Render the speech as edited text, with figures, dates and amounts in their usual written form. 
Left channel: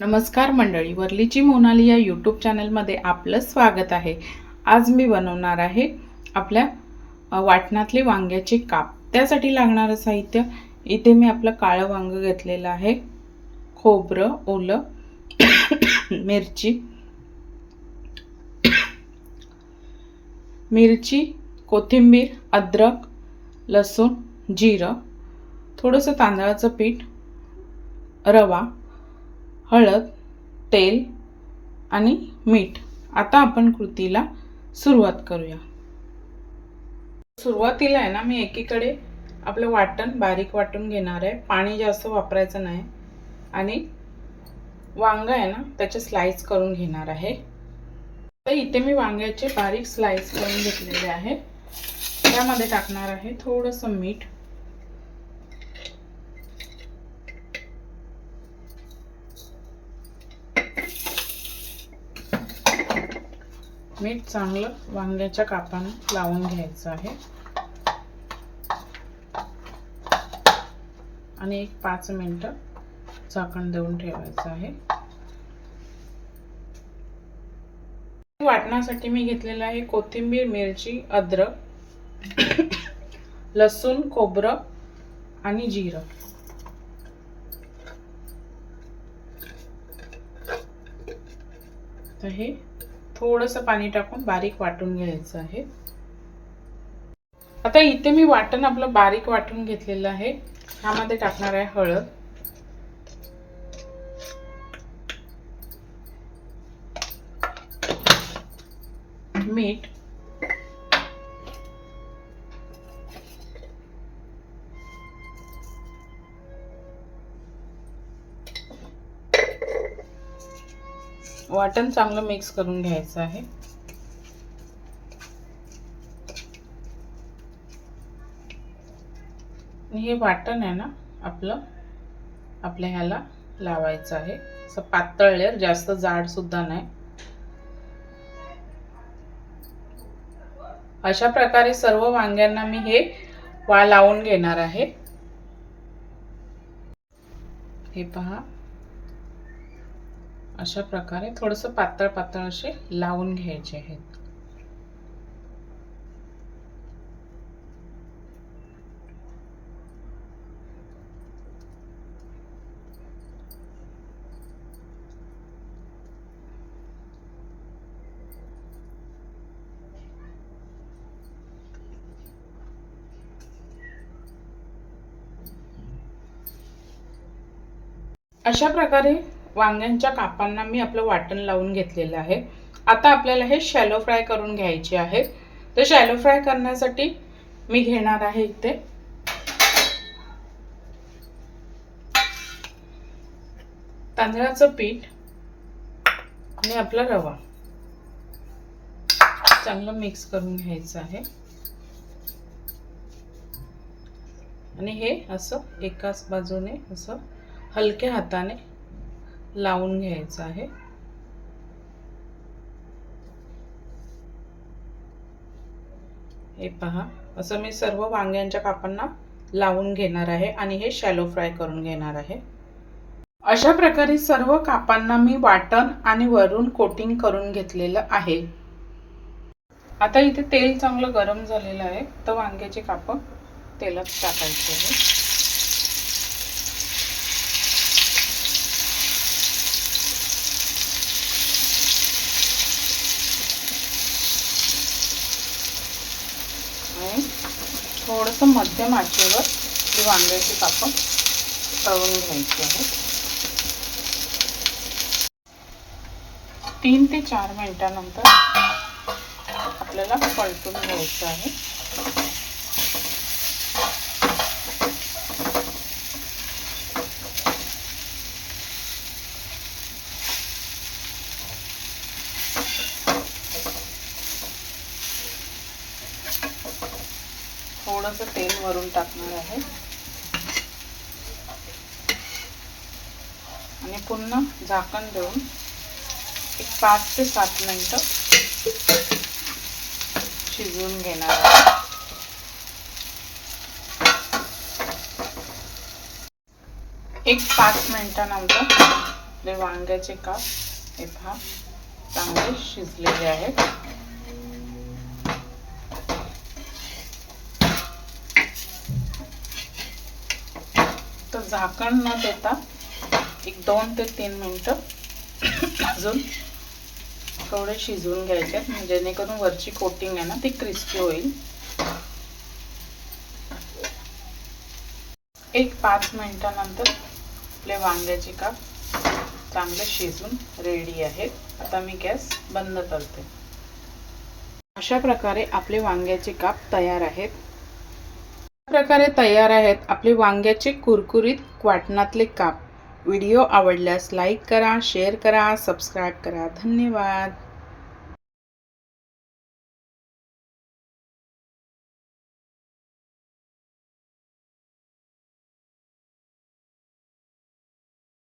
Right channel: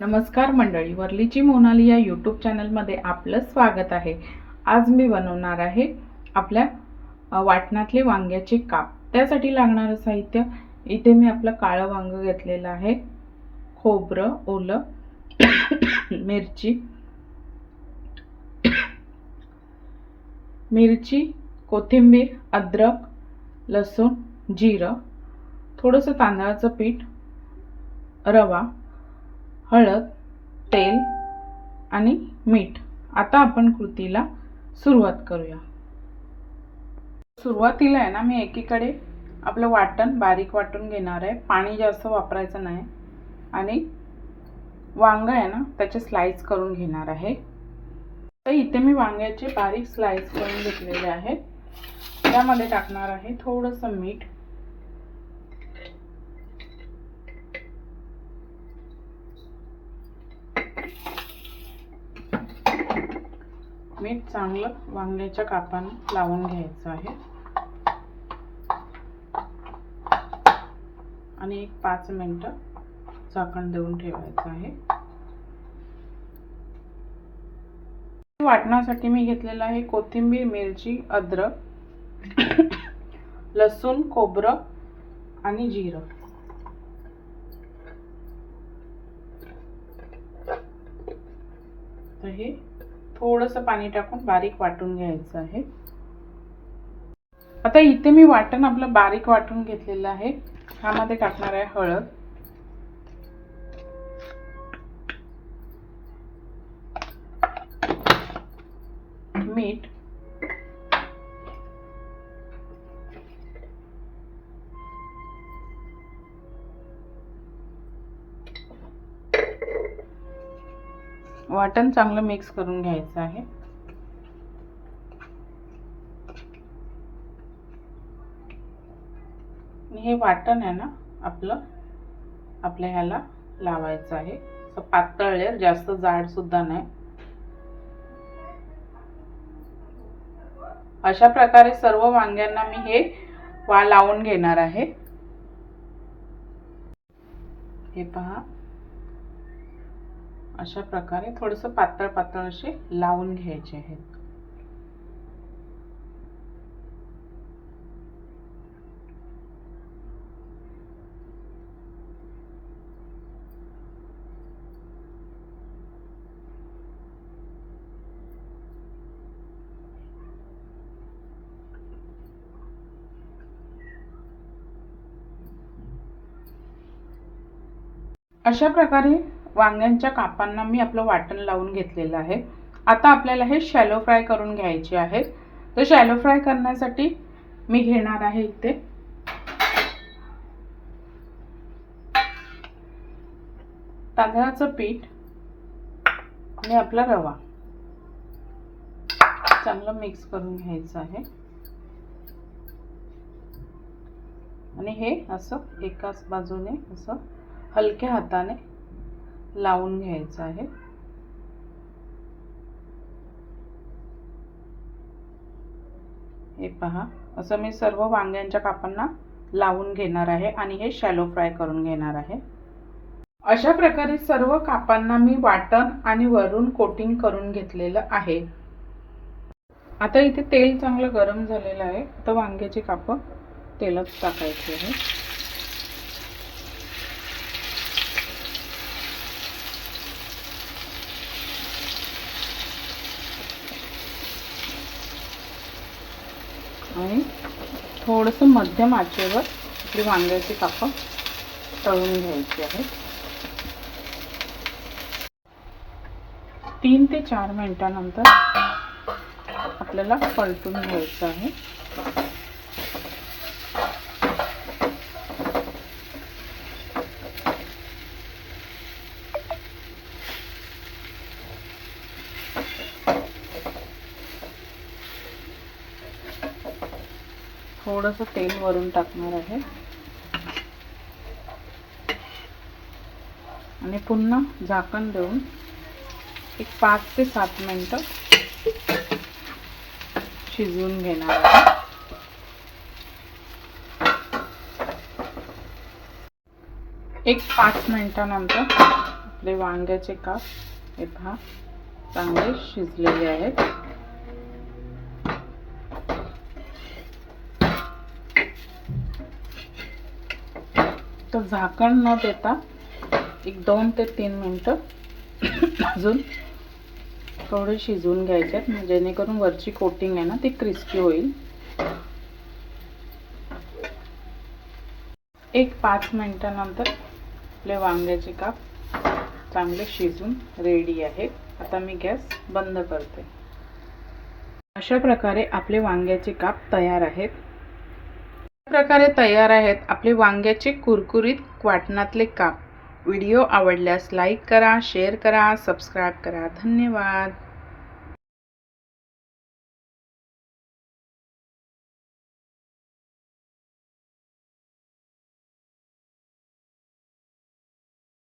नमस्कार मंडळी, वरलीची मोनाली या यूट्यूब चॅनलमध्ये आपलं स्वागत आहे। आज मी बनवणार आहे आपल्या वाटणातले वांग्याचे काप। त्यासाठी लागणारं साहित्य इथे मी आपलं काळं वांग घेतलेलं आहे, खोबरं ओलं, मिरची, कोथिंबीर, अद्रक, लसूण, जिरं, थोडंसं तांदळाचं पीठ, रवा, हळद, तेल आणि मीठ। आता आपण कृतीला सुरुवात करूया। सुरुवातीला आहे ना, मी एकीकडे आपलं वाटण बारीक वाटून घेणार आहे। पाणी जास्त वापरायचं नाही आणि वांग आहे ना, त्याचे स्लाइस करून घेणार आहे। तर इथे मी वांग्याचे बारीक स्लाइस करून घेतलेले आहे। त्यामध्ये टाकणार आहे थोडंसं मीठ, मीठ चांगलं वांग्याच्या कापांना लावून घ्यायचं आहे आणि 5 मिनिटं झाकण देऊन ठेवायचं आहे। वाटणासाठी मी घेतलेला आहे कोथिंबीर, मिरची, अद्रक, लसूण, खोबरं आणि जिरं। तर हे थोडंसं पाणी टाकून बारीक वाटून घ्यायचं आहे। आता इथे मी वाटण आपलं बारीक वाटून घेतलेलं आहे। ह्यामध्ये टाकणार आहे हळद, मीठ, वाटण चांगलं मिक्स करून घ्यायचं आहे। हे वाटण आहे ना आपल्या ह्याला लावायचं आहे। असं पातळ लेयर, जास्त जाड सुद्धा नाही। अशा प्रकारे सर्व वांग्यांना मी हे लावून घेणार आहे। हे पहा, अशा प्रकारे थोडंसं पातळ पातळ असे लावून घ्यायचे आहेत। अशा प्रकारे वांग्यांच्या कापांना मी आपलं वाटण लावून घेतलेलं आहे। आता आपल्याला हे शॅलो फ्राय करून घ्यायचे आहे। तर शॅलो फ्राय करण्यासाठी मी घेणार आहे इथे तांदळाचं पीठ आणि आपला रवा। चांगलं मिक्स करून घ्यायचं आहे आणि हे असं एकाच बाजूने असं हलक्या हाताने लावून घ्यायचं आहे। हे पहा, असं मी सर्व वांग्यांच्या कापांना लावून घेणार आहे आणि हे शॅलो फ्राय करून घेणार आहे। अशा प्रकारे सर्व कापांना मी वाटण आणि वरून कोटिंग करून घेतलेलं आहे। आता इथे तेल चांगलं गरम झालेलं आहे, तर वांग्याची काप तेलात टाकायची आहे। आणि थोडंसं मध्यम आचेवर ही वांग्याची काप तळून घ्यायची आहे। 3 ते 4 मिनिटांनंतर आपल्याला पलटून घ्यायचं आहे। थोडंसं तेल वरून टाकणार आहे आणि पुन्हा झाकण देऊन 5 ते 7 मिनिटं शिजवून घेणार आहे। 5 मिनिटांनंतर आपले वांग्याचे काप हे पहा चांगले शिजलेले आहेत. तर झाकण न देता एक 2 ते 3 मिनिटं अजून थोडे शिजवून घ्यायचे आहेत, जेणेकरून वरची कोटिंग आहे ना ती क्रिस्पी होईल. एक 5 मिनिटानंतर आपले वांग्याचे काप चांगले शिजून रेडी आहेत. आता मी गॅस बंद करते. अशा प्रकारे आपले वांग्याचे काप तयार आहेत. आपले वांग्याचे कुरकुरीत वाटणातले काप. व्हिडिओ आवडल्यास लाईक करा, शेअर करा, सबस्क्राईब करा. धन्यवाद.